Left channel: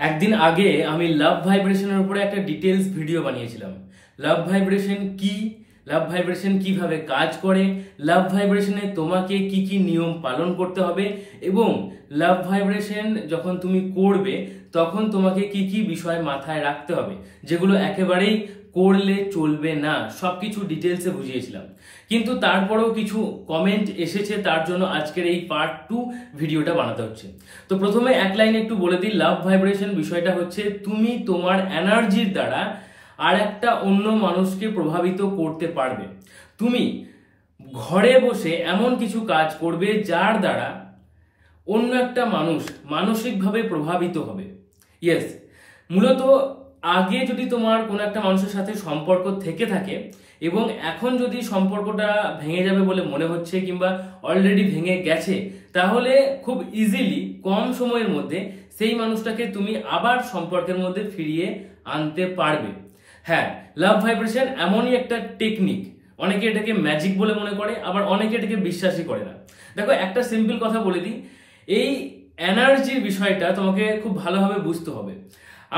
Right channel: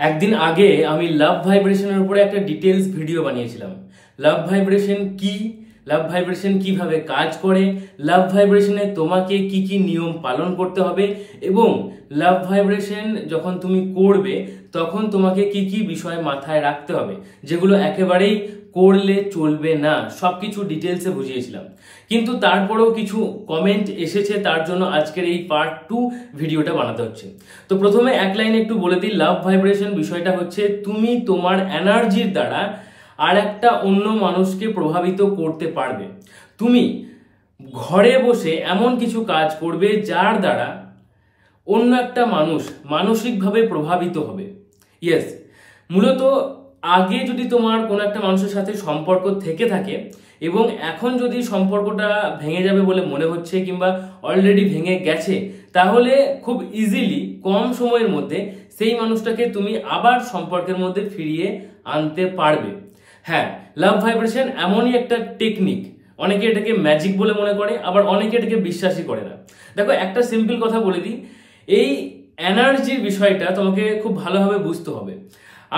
একদিন আগে আমি লাভ ভাইব্রেশনের উপরে একটা ডিটেলস ভিডিও বানিয়েছিলাম। লাভ ভাইব্রেশন কি, লাভ ভাইব্রেশন কিভাবে কাজ করে, লাভ ভাইব্রেশনে তোমাকে কি কি নিয়ম পালন করতে হবে এবং লাভ ভাইব্রেশন যখন তুমি করবে তখন তোমাকে কি কি বিষয় মাথায় রাখতে হবে, যেগুলো একেবারেই করলে চলবে না, সবকিছু ডিটেলসে বুঝিয়েছিলাম। কিন্তু তারপরেও কিছু কমেন্ট এসেছে, তার জন্য আজকের এই পার্ট 2 ভিডিওটা বানাতে হচ্ছে। তো প্রথমে এক লাইনে একটু বলে দিই, লাভ ভাইব্রেশন বিষয়টা হচ্ছে তুমি তোমার এনার্জির দ্বারা আর একটা অন্য মানুষকে প্রভাবিত করতে পারবে। তুমি ঘরে বসে এমন কিছু কাজ করবে যার দ্বারা অন্য একটা মানুষ মানসিকভাবে প্রভাবিত হবে। ইয়েস, মূলত আগে যদি তোমার কোনো একটা মানুষের সাথে সম্পর্ক থেকে থাকে এবং এখন যদি সম্পর্কটা ভেঙে যাবে বলে মনে হচ্ছে কিংবা অলরেডি ভেঙে গেছে, তাহলে খুব ইজিলি কম সময়ের মধ্যে সেই মানুষটাকে তুমি আবার সম্পর্কের মধ্যে ফিরিয়ে আনতে পারবে। হ্যাঁ, লাভ ভাইব্রেশন এমনই একটা টেকনিক, অনেকে এটাকে ম্যাজিক বলে মনে করে, আবার অনেকে এটাকে বিশ্বাসই করে না। দেখো, একটা সিম্পল কথা বলে দিই, এই এনার্জির বিষয়টা তোমাকে খুব ভালোভাবে বুঝতে হবে।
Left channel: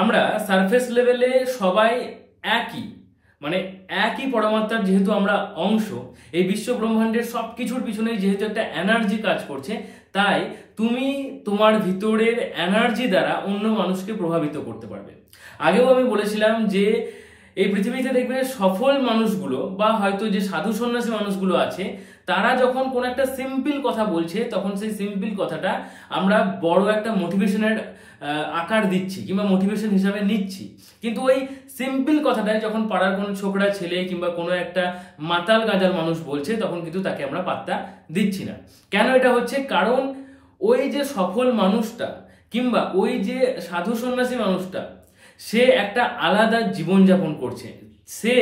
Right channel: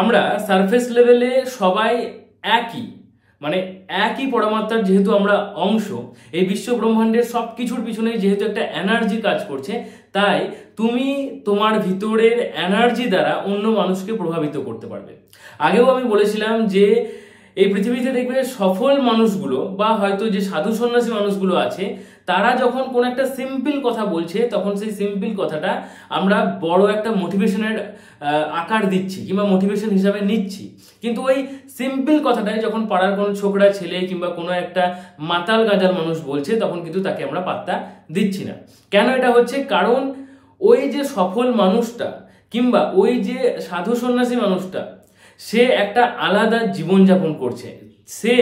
আমরা সারফেস লেভেলে সবাই একই, মানে একই পরমাত্মার যেহেতু আমরা অংশ, এই বিশ্ব ব্রহ্মাণ্ডের সবকিছুর পিছনে যেহেতু একটা এনার্জি কাজ করছে, তাই তুমি তোমার ভিতরের এনার্জি দ্বারা অন্য মানুষকে প্রভাবিত করতে পারবে। আগেও আমি বলেছিলাম যে এই পৃথিবীতে দেখবে সফল মানুষগুলো বা হয়তো যে সাধু সন্ন্যাসী মানুষগুলো আছে, তারা যখন কোন একটা সিম্পল কথা বলছে তখন সেই সিম্পল কথাটা আমরা বড় একটা মোটিভেশনের আকার দিচ্ছি কিংবা মোটিভেশন হিসাবে নিচ্ছি। কিন্তু ওই সিম্পল কথাটাই যখন পাড়ার কোনো ছোকরা ছেলে কিংবা কোনো একটা মাতাল গাজাল মানুষ বলছে, তখন কিন্তু তাকে আমরা পাত্তা দিচ্ছি না। কেন এটা হচ্ছে? কারণ ওই যে সফল মানুষটা কিংবা ওই যে সাধু সন্ন্যাসী মানুষটা, সে একটা আলাদা জীবনযাপন করছে, সে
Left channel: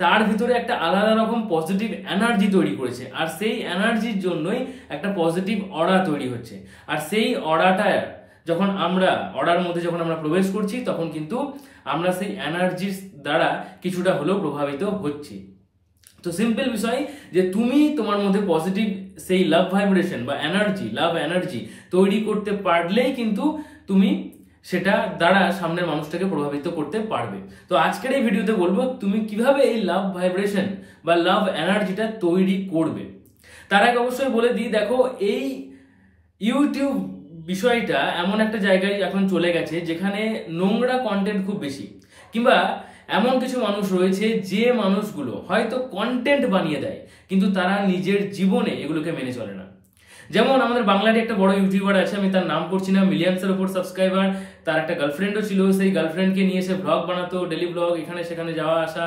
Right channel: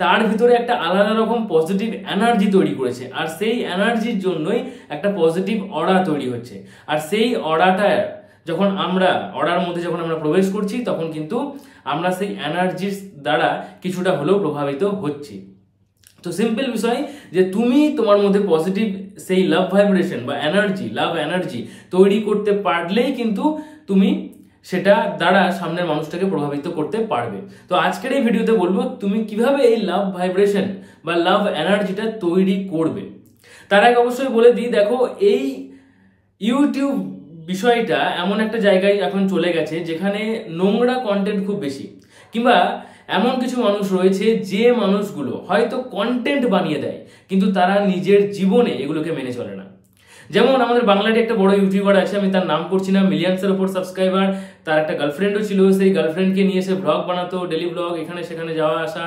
তার ভিতরে একটা আলাদা রকম পজিটিভ এনার্জি তৈরি করেছে, আর সেই এনার্জির জন্যই একটা পজিটিভ অরা তৈরি হচ্ছে। আর সেই অরাটা যখন আমরা অরার মধ্যে যখন আমরা প্রবেশ করছি, তখন কিন্তু আমরা সেই এনার্জির দ্বারা কিছুটা হলেও প্রভাবিত হচ্ছি। তো সিম্পল বিষয় যে তুমি তোমার মধ্যে পজিটিভ সেই লাভ ভাইব্রেশন বা এনার্জি, লাভ এনার্জি তৈরি করতে পারলেই কিন্তু তুমি সেটা দ্বারা সামনের মানুষটাকে প্রভাবিত করতে পারবে। তো আজকের এই ভিডিওতে বলবো তুমি কিভাবে এই লাভ ভাইব্রেশন বা লাভ এনার্জিটা তৈরি করবে। তার আগে অবশ্যই বলে দিই, দেখো, এই ইউটিউব বিষয়টা এমন একটা জায়গায় এখন চলে গেছে যেখানে নোংরা কন্টেন্ট খুব বেশি, কিংবা এমন কিছু মানুষ রয়েছে যে মানুষগুলো হয়তো কন্টেন্ট বানিয়ে দেয় কিন্তু তারা নিজের জীবনে এগুলোকে মেনে চলে না। যেমন আমাদের বাংলাতে একটা বড় ইউটিউবার আছে, আমি তার নাম করছি না, মিলিয়ন্সের উপর সাবস্ক্রাইবার, তার একটা গার্লফ্রেন্ডও ছিল। সেই গার্লফ্রেন্ডকে নিয়ে সে ব্লগ বানাতো, ডেলি ব্লগ, এখানে সেখানে যাওয়া আসা,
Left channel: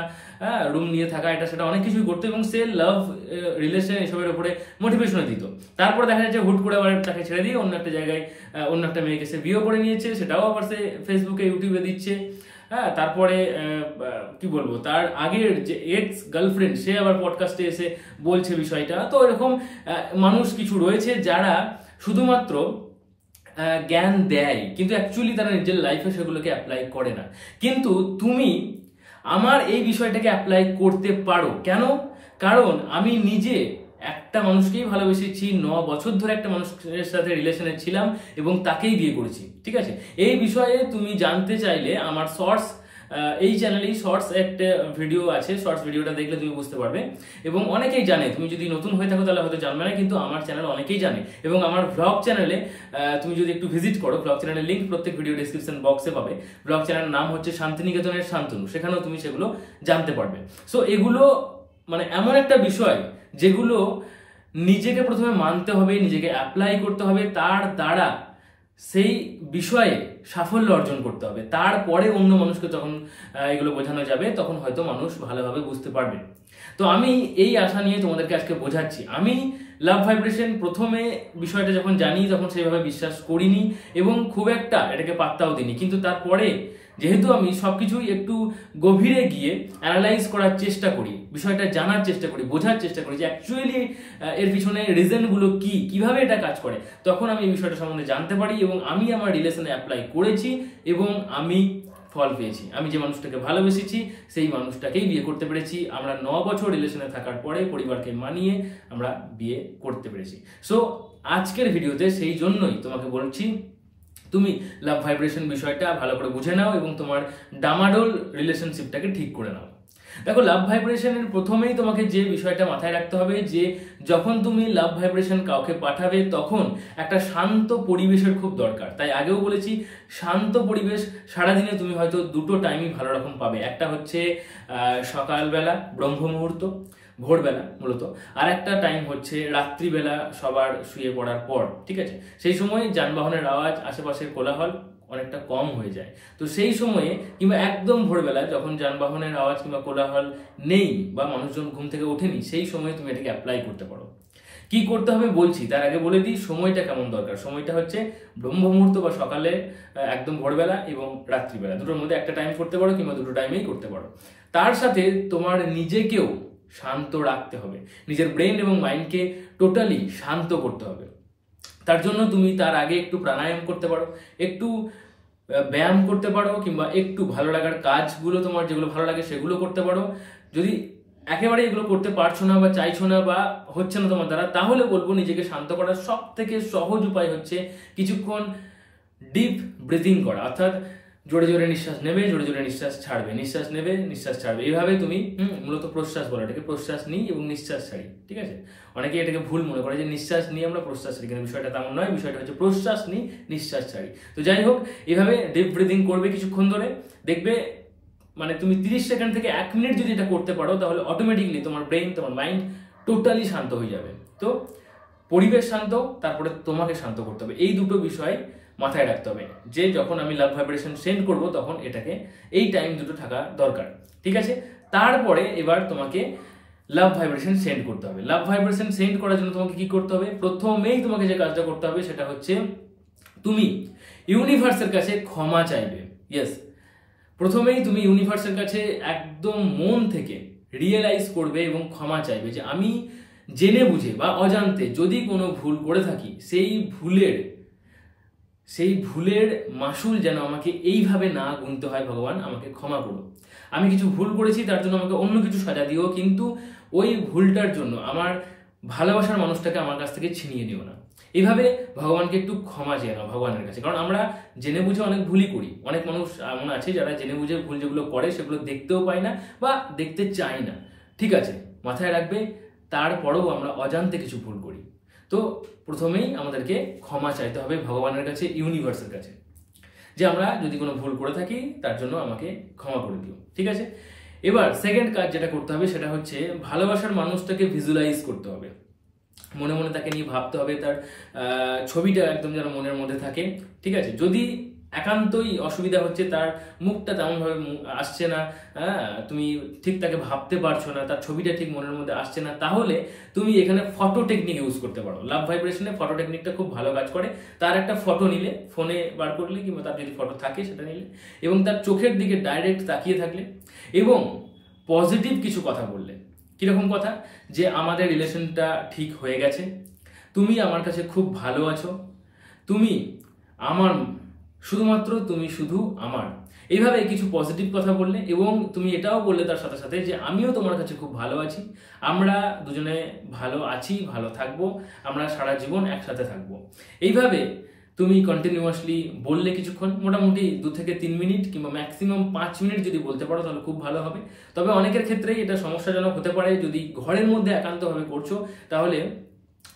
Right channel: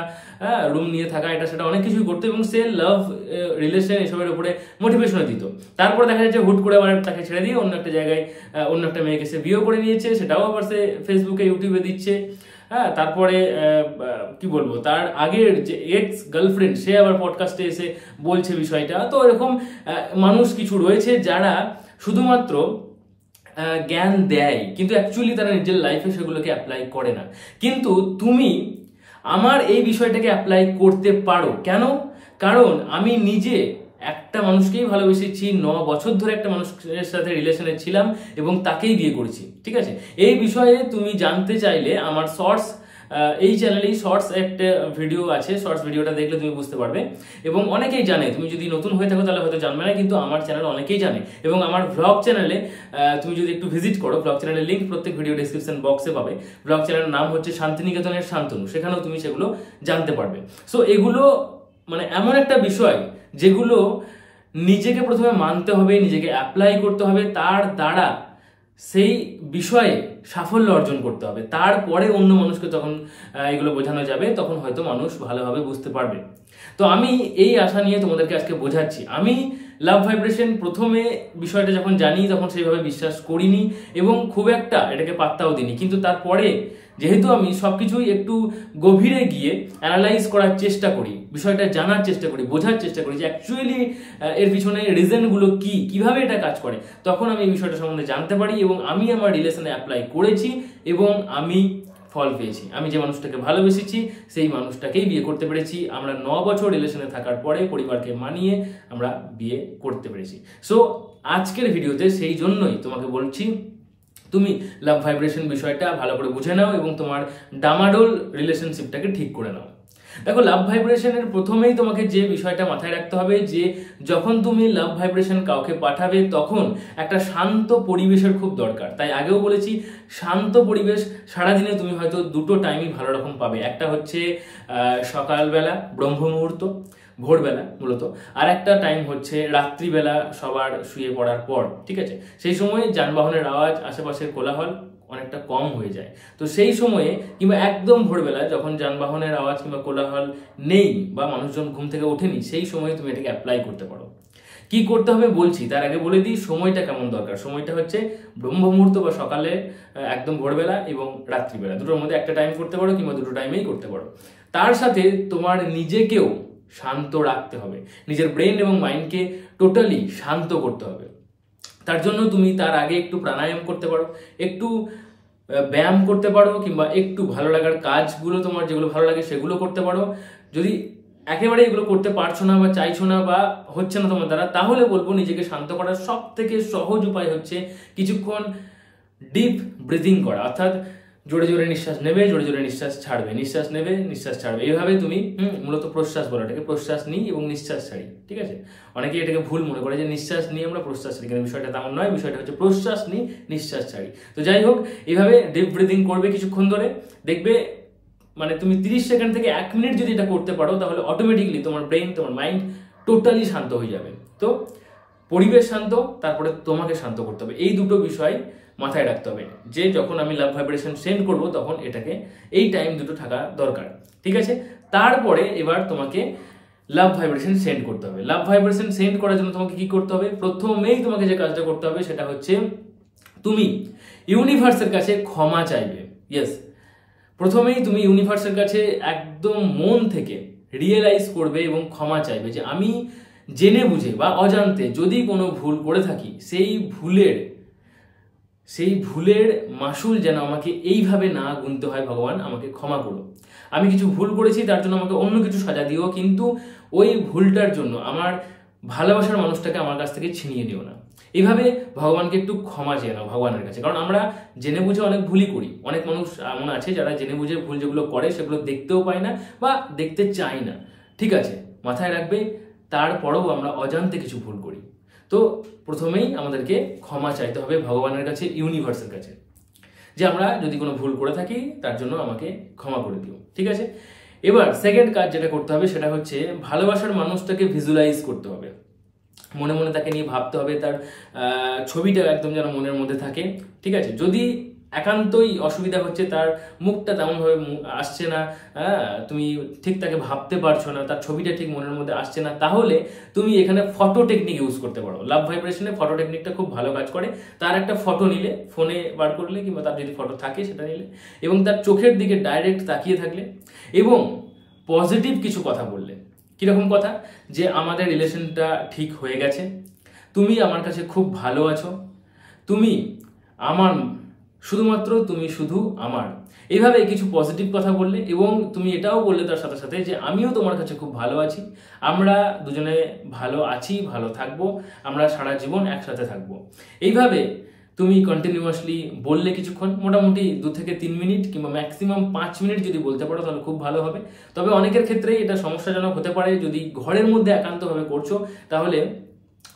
রুম নিয়ে থাকা, এটা সেটা অনেক কিছুই করতো এবং সে লাভ রিলেশন এসবের উপরে মোটিভেশনও দিত। তারপর দেখা যাচ্ছে হুট করে আবার তাকে ছেড়ে দিয়ে অন্য একটা জায়গায় অন্য একটা মেয়েকে সে বিয়ে করে নিয়েছে, সেটাও আবার সে ফেসবুকে ইউটিউবে দিচ্ছে। হ্যাঁ, তারপরে কি বলবো, তার আগের যে এক্স গার্লফ্রেন্ড সে আবার পডকাস্টে এসে বলছে বিষয়টা। তো এরকম মানুষ কিছু রয়েছে যারা শুধুমাত্র জ্ঞান দেয় কিন্তু অ্যাকচুয়ালি তারা নিজের লাইফে সেগুলোকে অ্যাপ্লাই করে না। কিন্তু তুমি আমার এই বিষয়টাকে অ্যাপ্লাই করতে পারো। কেন? কারণ আমি নিজে একটা মানুষকেই ভালোবেসেছি, 9 বছর ধরে একটা মানুষের সাথে রিলেশনে ছিলাম এবং তাকেই বিয়ে করেছি। ঠিক আছে, এই বিষয়ে তুমি জানতে চাইলে আমার শর্টস, এই চ্যানেলেই শর্টস একটা ভিডিও আছে, শর্টস ভিডিওটা দেখলে তুমি বুঝতে পারবে। এবং অনেকেই জানে, তুমি যদি নতুন হয়ে থাকো তাহলে হয়তো জানবে না, কিন্তু আমার চ্যানেল অনেকেই জানে। এবং আমার ব্লগ চ্যানেলে তুমি যদি একটু ভিজিট করো, ব্লগ চ্যানেলের লিঙ্ক প্রত্যেক ভিডিও ডেসক্রিপশন বক্সে পাবে। ব্লগ চ্যানেলের নাম হচ্ছে শান্তিনিকেতনের শান্তনু, সেখানেও তুমি সেগুলো জানতে পারবে। সো এগুলো মানে এমন একটা বিষয় যেগুলো নিজেকে প্রথমে মানতে হবে, নিজেকে অ্যাপ্লাই করতে হবে, তার দ্বারা সেই বিষয়ে সাফল্য অর্জন করতে হবে, তারপরে অন্য মানুষকে তখন এগুলো বোঝানো যাবে, তখন হয়তো মানুষ ভালোভাবে বুঝতে পারবে। তো আমি এই আশা নিয়ে তোমাদেরকে আজকে বোঝাচ্ছি। আমি লাভ ভাইব্রেশন প্রথমে বিষয়টা যখন জানি তখন সেইভাবে বিশ্বাস করিনি এবং খুব একটা এটাকে পাত্তাও দিইনি, কিন্তু তারপরে যেহেতু আমি সবকিছুই একটু গভীরে গিয়ে অ্যানালাইজ করার চেষ্টা করি, বিষয়টা জানার চেষ্টা করি, বোঝার চেষ্টা করি যে অ্যাকচুয়ালি এর পিছনে রিজনগুলো কি, কিভাবে এটা কাজ করে, তখন আমি এই বিষয়টা সম্বন্ধে জানতে পারি এবং আমি আমার রিলেশনে অ্যাপ্লাই করেছি এবং আমি ফল পেয়েছি। আমি যে মানুষটাকে ভালোবেসেছি সেই মানুষটাকেই বিয়ে করতে পেরেছি। আমরা 9 বছর রিলেশনে থাকার পরে পরিবারকে মানিয়ে আমরা বিয়ে করতে পেরেছি। সো আজকের ভিডিওতে সেই জন্যই তোমাকে বলছি, তুমি লাভ ভাইব্রেশন বিষয়টা ভালো করে বুঝে নাও এবং তোমার ডামাডোল রিলেশনশিপটাকে ঠিক করে নাও। দেখো, লাভ ভাইব্রেশনের প্রথমেই তোমাকে যে বিষয়টা মাথায় রাখতে হবে যে যখন তুমি লাভ ভাইব্রেশন কাউকে পাঠাবে তখন একটা শান্ত পরিবেশের খুব দরকার। তাই আগেও বলেছি, শান্ত পরিবেশ সারাদিনে তুমি হয়তো দুটো টাইমই ভালো রকম পাবে। একটা হচ্ছে সকালবেলা ব্রহ্ম মুহূর্ত, ভোরবেলা মূলত, আর একটা টাইম হচ্ছে রাত্রিবেলা সবার শুয়ে পড়ার পর। ঠিক আছে, সেই সময় যানবাহনের আওয়াজ, আশেপাশের কোলাহল অনেকটা কম হয়ে যায়। তো সেই সময়ে কিংবা একদম ভোরবেলা যখন যানবাহনের আওয়াজ কিংবা কোলাহল নেই বা মানুষজন ঘুম থেকে ওঠেনি, সেই সময়ে তুমি এটাকে অ্যাপ্লাই করতে পারো। কি করতে হবে বলছি, তার আগে বলে দিই সময়টা কেমন দরকার। সময়টা হচ্ছে ব্রহ্ম মুহূর্ত বা সকালে একদম ভোরবেলা এবং রাত্রিবেলা, দুটোর মধ্যে একটা টাইম করতে পারো কিংবা দুটো টাইমেই করতে পারো। তার সাথে তোমার নিজেকেও শান্ত রাখতে হবে, নিজের ব্রেন এবং মাইন্ডকে টোটালি শান্ত করতে হবে। তার জন্য তুমি তার আগে একটু প্রাণায়াম করতে পারো, একটু ব্যায়াম করতে পারো, কিংবা একটু ভালো লাগার কাজগুলো তোমার যেগুলো ভালো লাগে সেগুলো করতে পারো। যদি একেবারে এগুলো করতে পারছো না বা চাইছো না বা হচ্ছে না তোমার দ্বারা, তাহলে বলবো নিজেকে শান্ত করার সব থেকে সহজ উপায় হচ্ছে কিছুক্ষণ ডিপ ব্রিদিং করা, অর্থাৎ জোরে জোরে নিঃশ্বাস নেবে, জোরে জোরে নিঃশ্বাস ছাড়বে, নিঃশ্বাস নেবে, নিঃশ্বাস ছাড়বে। এইভাবে তুমি মূলত প্রশ্বাস বলো এটাকে, প্রশ্বাস নিই এবং নিঃশ্বাস ছাড়ি। ঠিক আছে, অনেকে এটাকে ভুল মনে করে যে নিঃশ্বাস নিয়ে আমরা প্রশ্বাস ছাড়ি, কিন্তু বিষয়টা তেমন নয়। বিষয়টা হচ্ছে প্রশ্বাস নিই, নিঃশ্বাস ছাড়ি। তো যাই হোক, এইভাবে ডিপ ব্রিদিং করবে কিছুক্ষণ ধরে, দেখবে মানে তুমি 30 সেকেন্ড থেকে 1 মিনিট যদি এটা করতে পারো, তাহলে অটোমেটিকলি তোমার ব্রেন, তোমার মাইন্ড টোটালি শান্ত হয়ে যাবে। তো পরিবেশ শান্ত, তারপরে তোমাকে শান্ত করতে হবে, এই দুটো বিষয় মাথায় রাখতে হবে যে যখন আমি লাভ ভাইব্রেশন সেন্ড করব তখন এটাকে এই টাইম দুটো থাকা দরকার। ঠিক আছে, তারপরে এবার তোমাকে লাভ ভাইব্রেশন সেন্ড করতে হবে। লাভ ভাইব্রেশন সেন্ড করার জন্য তোমাকে কি করতে হবে? প্রথমেই তোমাকে যে কাজটা করতে হবে সেটা হচ্ছে তুমি ইউনিভার্সের কাছে ক্ষমা চাইবে। ইয়েস, প্রথমেই তুমি ইউনিভার্সের কাছে একদম মন থেকে রিয়েলাইজ করবে এবং ক্ষমা চাইবে যে আমি জেনে বুঝে বা অজান্তে যদি কোনো ভুল করে থাকি, সেই ভুলের মাসুল যেন আমাকে এইভাবে না গুনতে হয়। ভগবান, আমাকে ক্ষমা করো। আমি কিছু ভুল করেছি, তার জন্য আমাকে অন্য কিছু সাজা দিও, কিন্তু ওই ভুলটার জন্য আমার ভালোবাসার মানুষটাকে আমার কাছ থেকে ছিনিয়ে দিও না। এইভাবে ভগবানকে একটু ক্ষমা চেয়ে নাও ভগবানের কাছে। কারণ আমরা জেনে বুঝে অনেক ভুলই করি। অনেক মানুষ এমন আছে যারা জেনে বুঝে ভুল যেগুলো করে সেগুলো দেখতেও পায় না বা দেখতে চায় না। ঠিক আছে, মাথায় রাখবে, তারপরেও আমরা অজান্তে কিছু ভুল করি। তো প্রথমেই আমাদেরকে ক্ষমা চাইতে হবে ভগবানের কাছে, ইউনিভার্সের কাছে, যে আমরা যদি কোনো ভুল করে থাকি তার জন্য আমাকে ক্ষমা করে দিও। ঠিক আছে, এবার সেকেন্ড কাজ যেটা করতে হবে সেটা হচ্ছে ভালোবাসার মানুষটাকে ভিজুয়ালাইজ করতে হবে। মনে মনে তাকে নিয়ে ভাবতে হবে, তার ছবিটা একদম যেন মনের মধ্যে থাকে। ঠিক আছে, যদি একান্তই অসুবিধা হচ্ছে, তার মুখটা তেমনভাবে আসছে না, তুমি ঠিক তাকে ভাবতে পারছো না, তার ছবিটা ঠিক মনের মধ্যে আসছে না, তাহলে তুমি এখানে ফটো টেকনিক ইউজ করতে পারো। লাভ ভাইব্রেশনে ফটো টেকনিকটা খুব ভালো কাজ করে। তার একটা ফটো নিলে, ফোনে বার করলে কিংবা তার যদি ফটো থাকে সেটা নিলে, এবং তার চোখের দিকে ডাইরেক্ট তাকিয়ে থাকলে এবং পজিটিভ কিছু কথা বললে। কিরকম কথা? যে আমাদের রিলেশনটা ঠিক হয়ে গেছে, তুমি আমার কাছে খুব ভালো আছো, তুমি আমার, শুধুমাত্র তুমি শুধু আমার, এইভাবে কিছু পজিটিভ কথা বললে এবং তুমি এটাও বললে তার সাথে সাথে যে আমিও তোমার কাছে খুব ভালো আছি, আমরা দুজনে ভালো আছি, ভালো থাকবো, আমরা সারা জীবন একসাথে থাকবো। এইভাবে তুমি কন্টিনিউয়াসলি বললে কিছুক্ষণ, মোটামুটি 2 থেকে 3 মিনিট কিংবা ম্যাক্সিমাম 5 মিনিট যদি বলতে পারো তাহলে খুব ভালো হবে। তবে অনেকের ক্ষেত্রেই এটা সমস্যাজনক হতে পারে। যদি ঘরের মধ্যে একান্তভাবে করছো তাহলে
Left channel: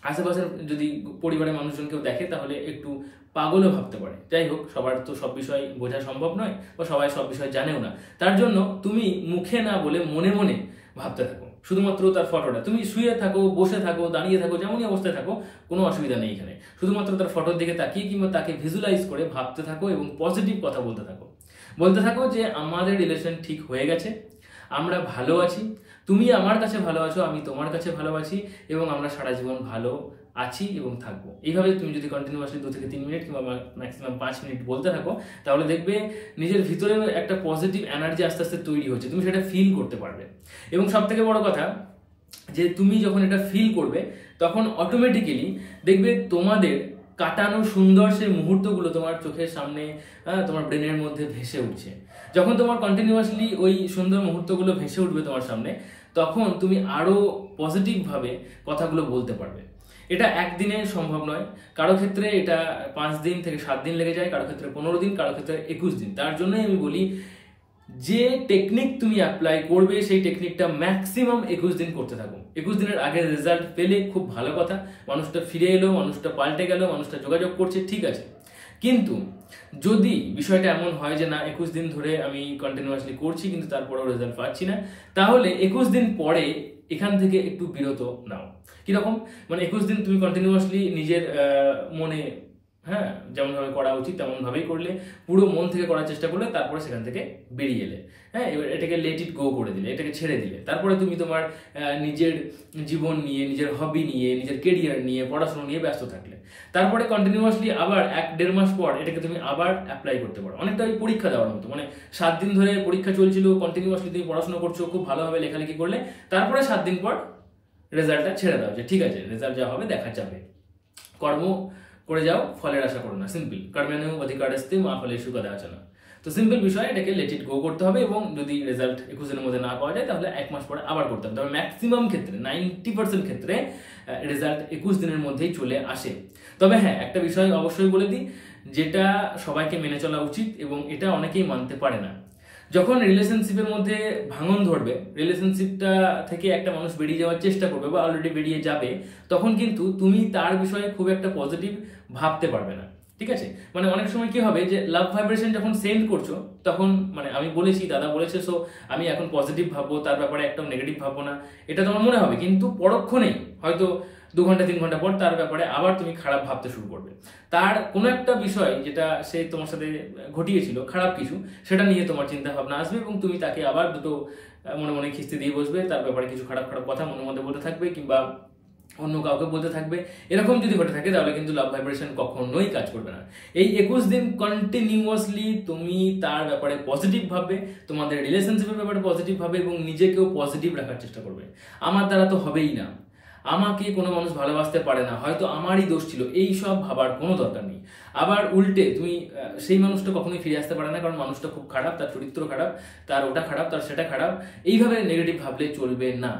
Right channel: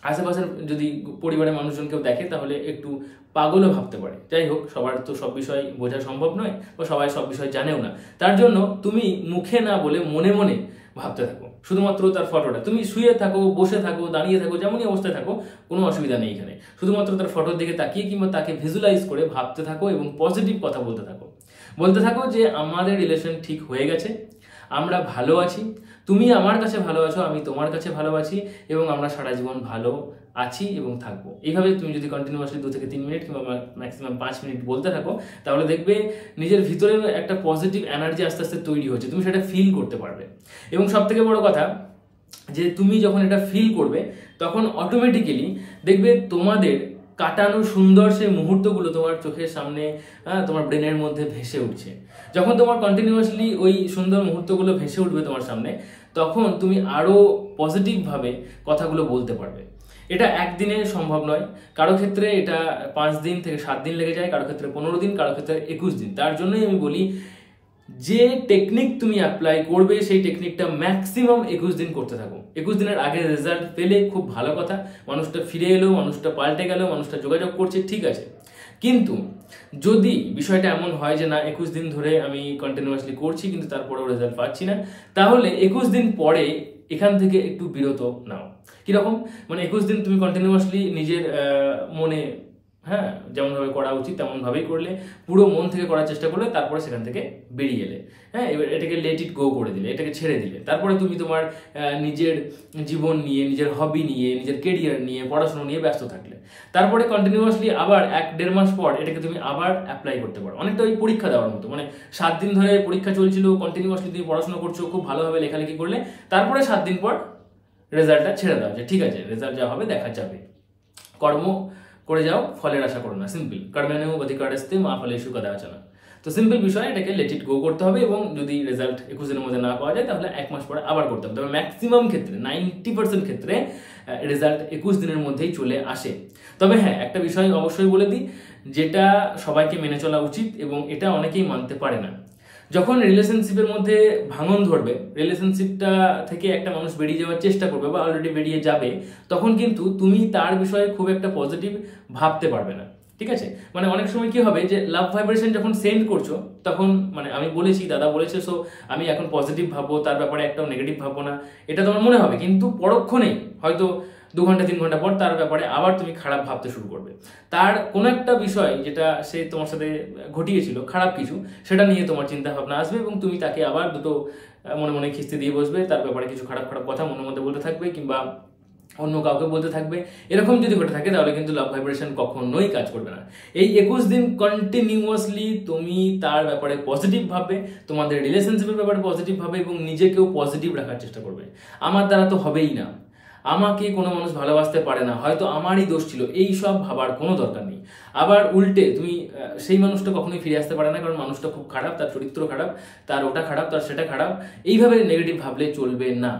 আশেপাশের যদি পরিবারের মানুষজন কেউ দেখে তাহলে একটু পাগলও ভাবতে পারে। যাই হোক, সবার তো সব বিষয় বোঝা সম্ভব নয় বা সবাই সব বিষয় জানেও না। তার জন্য তুমি মুখে না বলে মনে মনে ভাবতে থাকো শুধুমাত্র তার ফটোটা। তুমি শুয়ে থাকো, বসে থাকো, দাঁড়িয়ে থাকো, যেমনই অবস্থায় থাকো, কোনো অসুবিধা নেই এখানে। শুধুমাত্র তার ফটোর দিকে তাকিয়ে কিংবা তাকে ভিজুয়ালাইজ করে ভাবতে থাকো এবং পজিটিভ কথা বলতে থাকো যে আমাদের রিলেশন ঠিক হয়ে গেছে, আমরা ভালো আছি, তুমি আমার কাছে ভালো আছো, আমি তোমার কাছে ভালো আছি এবং আমরা সারা জীবন ভালো আছি এবং থাকবো। এইভাবে তুমি যদি কন্টিনিউয়াসলি 2 থেকে 3 মিনিট কিংবা ম্যাক্সিমাম 5 মিনিট বলতে থাকো তাহলে দেখবে নিজের ভিতরে একটা পজিটিভ এনার্জি আস্তে আস্তে তৈরি হচ্ছে, তুমি সেটা ফিল করতে পারবে। এবং সব থেকে বড় কথা যে তুমি যখন এটা ফিল করবে তখন অটোমেটিক্যালি দেখবে তোমাদের কাটানো সুন্দর সেই মুহূর্তগুলো তোমার চোখের সামনে, তোমার ব্রেনের মধ্যে ভেসে উঠছে। যখন তোমার কন্টিনিউয়াসলি ওই সুন্দর মুহূর্তগুলো ভেসে উঠবে তোমার সামনে, তখন তুমি আরো পজিটিভ ভাবে কথাগুলো বলতে পারবে এটা একদিনে সম্ভব নয়, কারো ক্ষেত্রে এটা 5 দিন থেকে 7 দিন লেগে যায়, কারো ক্ষেত্রে 15 দিন, কারো ক্ষেত্রে 21 দিন। তার জন্যই আমি বলি যে টেকনিক তুমি অ্যাপ্লাই করবে সেই টেকনিকটা ম্যাক্সিমাম 21 দিন করতে থাকো। 21 দিনের আগে রেজাল্ট পেলে খুব ভালো কথা, মানুষটা ফিরে এলো, মানুষটা পাল্টে গেল, মানুষটা যোগাযোগ করছে, ঠিক আছে। কিন্তু যদি বিষয়টা এমন হয় যে না 21 দিন ধরে আমি কন্টিনিউয়াসলি করছি কিন্তু তারপরেও রেজাল্ট পাচ্ছি না, তাহলে 21 দিন পরে এখান থেকে একটু বিরত নাও। কিরকম? মানে 21 দিন তুমি কন্টিনিউয়াসলি নিজের মনে যেমন ভাবে করা উচিত তেমন ভাবেই করলে, পুরো মন থেকে করার চেষ্টা করলে, তারপরে সেখান থেকে বেরিয়ে এলে, এবার এটাকে লেট ইট গো করে দিলে, এটাকে ছেড়ে দিলে, তারপরে তুমি তোমার নিজের জীবন নিয়ে, নিজের হবি নিয়ে, নিজের কেরিয়ার নিয়ে, পড়াশোনা নিয়ে ব্যস্ত থাকলে, তারপরে কন্টিনিউয়াসলি আবার 1-1.5 মাস পর এটাকে তুমি আবার অ্যাপ্লাই করতে পারো। অনেকটা ওই পরীক্ষা দেওয়ার মতো, মানে 7 দিন ধরে পরীক্ষা চলছিল, কন্টিনিউয়াসলি তুমি পড়াশোনা করছো, খুব ভালোভাবে লেখালেখি করলে, তারপরে 7 দিন পর রেজাল্টটা ছেড়ে দাও যে ঠিক আছে রেজাল্ট যা হবে দেখা যাবে। কর্ম করে যাও, ফলের আশা করো না। সিম্পল, কর্মেণু অধিকারস্তে মা ফলেষু কদাচন। তো সিম্পল বিষয়, এটাকে লেট ইট গো করতে হবে এবং যদি রেজাল্ট 21 দিনের মধ্যে না পাওয়া যায় তাহলে 1 মাস পরে আবার করতে হবে। তবে ম্যাক্সিমাম ক্ষেত্রে 90% ক্ষেত্রে রেজাল্ট 21 দিনের মধ্যেই চলে আসে। তবে হ্যাঁ, একটা বিষয় অবশ্যই বলে দিই, যেটা সবাইকে মেনে চলা উচিত এবং এটা অনেকেই মানতে পারে না। যখন রিলেশনশিপের মধ্যে ভাঙন ধরবে, রিলেশনশিপটা থেকে একটা মানুষ বেরিয়ে যাওয়ার চেষ্টা করবে বা অলরেডি বেরিয়ে যাবে, তখন কিন্তু তুমি তার বিষয়ে খুব একটা পজিটিভ ভাবতে পারবে না, ঠিক আছে। মানে অনেক সময় কি হবে যে লাভ ভাইব্রেশন যখন সেন্ড করছো তখন মানে আমি বলেছি, দাদা বলেছে, সো আমি এখন পজিটিভ ভাববো, তার ব্যাপারে একটাও নেগেটিভ ভাববো না, এটা তোমার মনে হবে। কিন্তু পরক্ষণেই হয়তো 2 ঘন্টা 3 ঘন্টা পর তার ব্যাপারে আবার তুমি খারাপ ভাবতে শুরু করবে। তার কোনো একটা বিষয় যেটা সে তোমার সাথে ঘটিয়েছিল খারাপ কিছু, সেটা নিয়ে তোমার চিন্তা ভাবনা আসবে এবং তুমি তাকে আবার দুটো মনে মনে খিস্তি দিয়ে বসবে, তার ব্যাপারে কিছু খারাপ খারাপ কথা মনের মধ্যে বলতে থাকবে কিংবা অন্য কাউকে বলতে থাকবে। এরকম যদি ঘটে থাকে তাহলে কিন্তু লাভ ভাইব্রেশন কখনোই কাজ করবে না। এই 21 দিন কন্টিনিউয়াসলি তুমি তার ব্যাপারে পজিটিভ ভাববে, তোমাদের রিলেশনশিপের ব্যাপারে পজিটিভ ভাবে এবং নিজেকেও পজিটিভ রাখার চেষ্টা করবে। আমার দ্বারা তো হবেই না, আমাকে কোনো মানুষ ভালোবাসতে পারে না, হয়তো আমারই দোষ ছিল, এই সব ভাবার কোনো দরকার নেই। আবার উল্টে তুমি সেই মানুষটা কখনোই ফিরে আসতে পারে না, কারণ মানুষটা খুব খারাপ, তার চরিত্র খারাপ, তার ওটা খারাপ, তার সেটা খারাপ, এইভাবে নেগেটিভ ভাবলে চলবে না।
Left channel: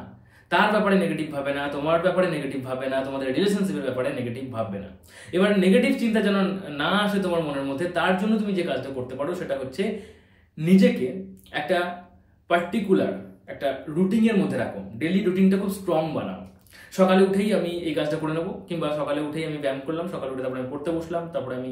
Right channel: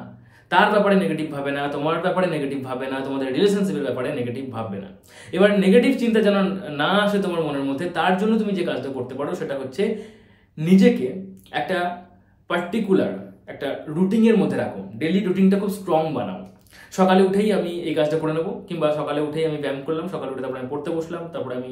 তার ব্যাপারে নেগেটিভ ভাবে না, তোমার ব্যাপারে নেগেটিভ ভাবে না, তোমাদের রিলেশনশিপের ব্যাপারে নেগেটিভ ভাববে না। এবার নেগেটিভ চিন্তা যেন না আসে তোমার মনের মধ্যে, তার জন্য তুমি যে কাজটা করতে পারো সেটা হচ্ছে নিজেকে একটা পার্টিকুলার একটা রুটিনের মধ্যে রাখো। ডেইলি রুটিনটা খুব স্ট্রং বানাও। সকালে উঠেই আমি এই কাজটা করে নেবো, কিংবা সকালে উঠেই আমি ব্যায়াম করলাম, সকালে উঠে তারপরে আমি পড়তে বসলাম, তারপরে আমি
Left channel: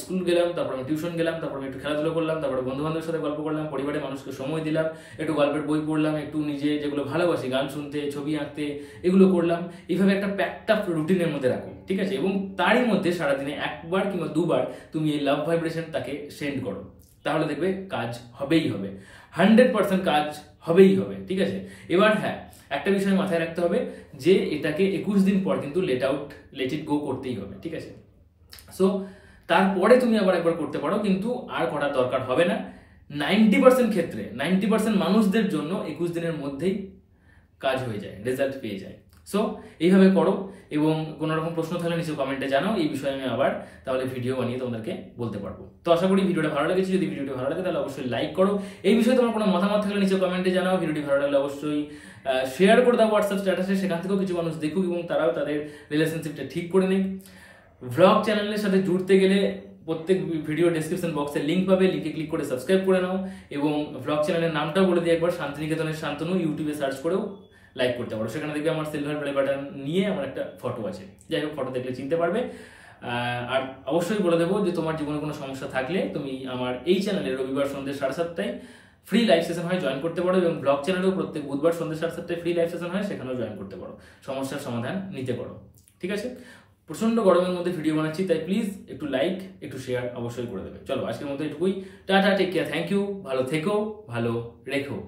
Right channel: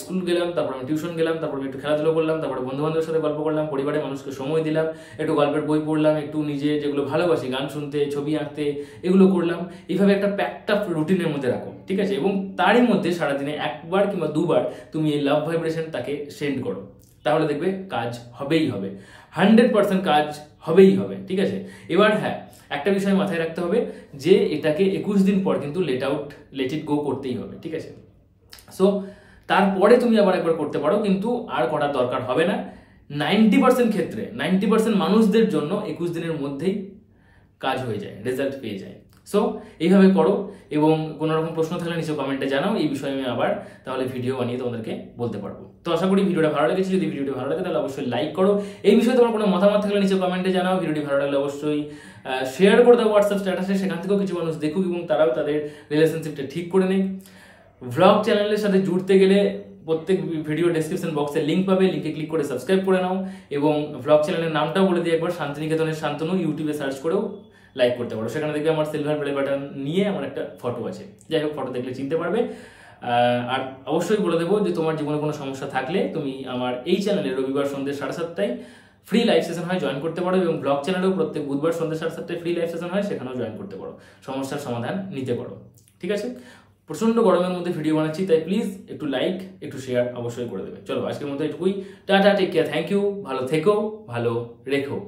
স্কুল গেলাম, তারপরে আমি টিউশন গেলাম, তারপরে আমি একটু খেলাধুলো করলাম, তারপরে বন্ধু বান্ধবের সাথে গল্প করলাম, পরিবারের মানুষকে সময় দিলাম, একটু গল্পের বই পড়লাম, একটু নিজে যেগুলো ভালোবাসি গান শুনতে, ছবি আঁকতে, এগুলো করলাম। এইভাবে একটা প্যাকড আপ রুটিনের মধ্যে রাখো, ঠিক আছে। এবং তারই মধ্যে সারাদিনে 1বার কিংবা 2বার তুমি এই লাভ ভাইব্রেশন তাকে সেন্ড করো, তাহলে দেখবে কাজ হবেই হবে, 100% কাজ হবেই হবে, ঠিক আছে। এবার হ্যাঁ, একটা বিষয় মাথায় রাখতে হবে যে এটাকে 21 দিন পর কিন্তু লেট ইট গো করতেই হবে, ঠিক আছে। সো তারপরে তুমি আবার একবার করতে পারো, কিন্তু আর করার দরকার হবে না। 90% ক্ষেত্রে 90% মানুষদের জন্য 21 দিনের মধ্যেই কাজ হয়ে যায়, রেজাল্ট পেয়ে যায়। সো এইভাবে করো, এবং কোনো রকম প্রশ্ন থাকলে নিচে কমেন্টে জানাও, এই বিষয়ে আমি আবার তাহলে ভিডিও বানিয়ে তোমাদেরকে বলতে পারবো। তো আশা করি ভিডিওটা ভালো লেগেছে। যদি ভিডিওটা ভালো লাগে তাহলে অবশ্যই লাইক করো। এই বিষয়ে তোমার কোনো মতামত থাকলে নিচে কমেন্টে জানাও। ভিডিওটি ভালো লাগলে অবশ্যই শেয়ার করে দাও হোয়াটসঅ্যাপ স্ট্যাটাসে, সেখান থেকেও কিছু মানুষ দেখুক এবং তারাও তাদের রিলেশনশিপটা ঠিক করে নেয়। ভ্লগ চ্যানেলের সাথে জুড়তে গেলে প্রত্যেক ভিডিও ডেসক্রিপশন বক্সে লিঙ্ক পাবে, লিঙ্কে ক্লিক করে সাবস্ক্রাইব করে নাও। এবং ভ্লগ চ্যানেলের নামটাও বলে দিই একবার, শান্তিনিকেতনের শান্তনু, ইউটিউবে সার্চ করেও লাইক করতে পারো। সেখানে দেখবে আমার সিলভার প্লে বাটন নিয়ে আমার একটা ফটো আছে, যাই হোক ফটো দেখলে চিনতে পারবে। আর অবশ্যই বলে দেবো যে তোমার জীবনে কোনো সমস্যা থাকলে তুমি আমার এই চ্যানেলে রবিবার সন্ধ্যে 7:30টায় ফ্রি লাইভ সেশন হয়, জয়েন করতে পারো। এবং ব্লগ চ্যানেলেও প্রত্যেক বুধবার সন্ধ্যে 7:30টায় ফ্রি লাইভ সেশন হয়, সেখানেও জয়েন করতে পারো, সমস্যার সমাধান নিতে পারো, ঠিক আছে। প্রচন্ড গরমের মধ্যে ভিডিও বানাচ্ছি, তাই প্লিজ একটু লাইক একটু শেয়ার অবশ্যই করে দেবে। চলো আজকের মতো এটুকুই, tata, take care, thank you, ভালো থেকো, ভালো রেখো।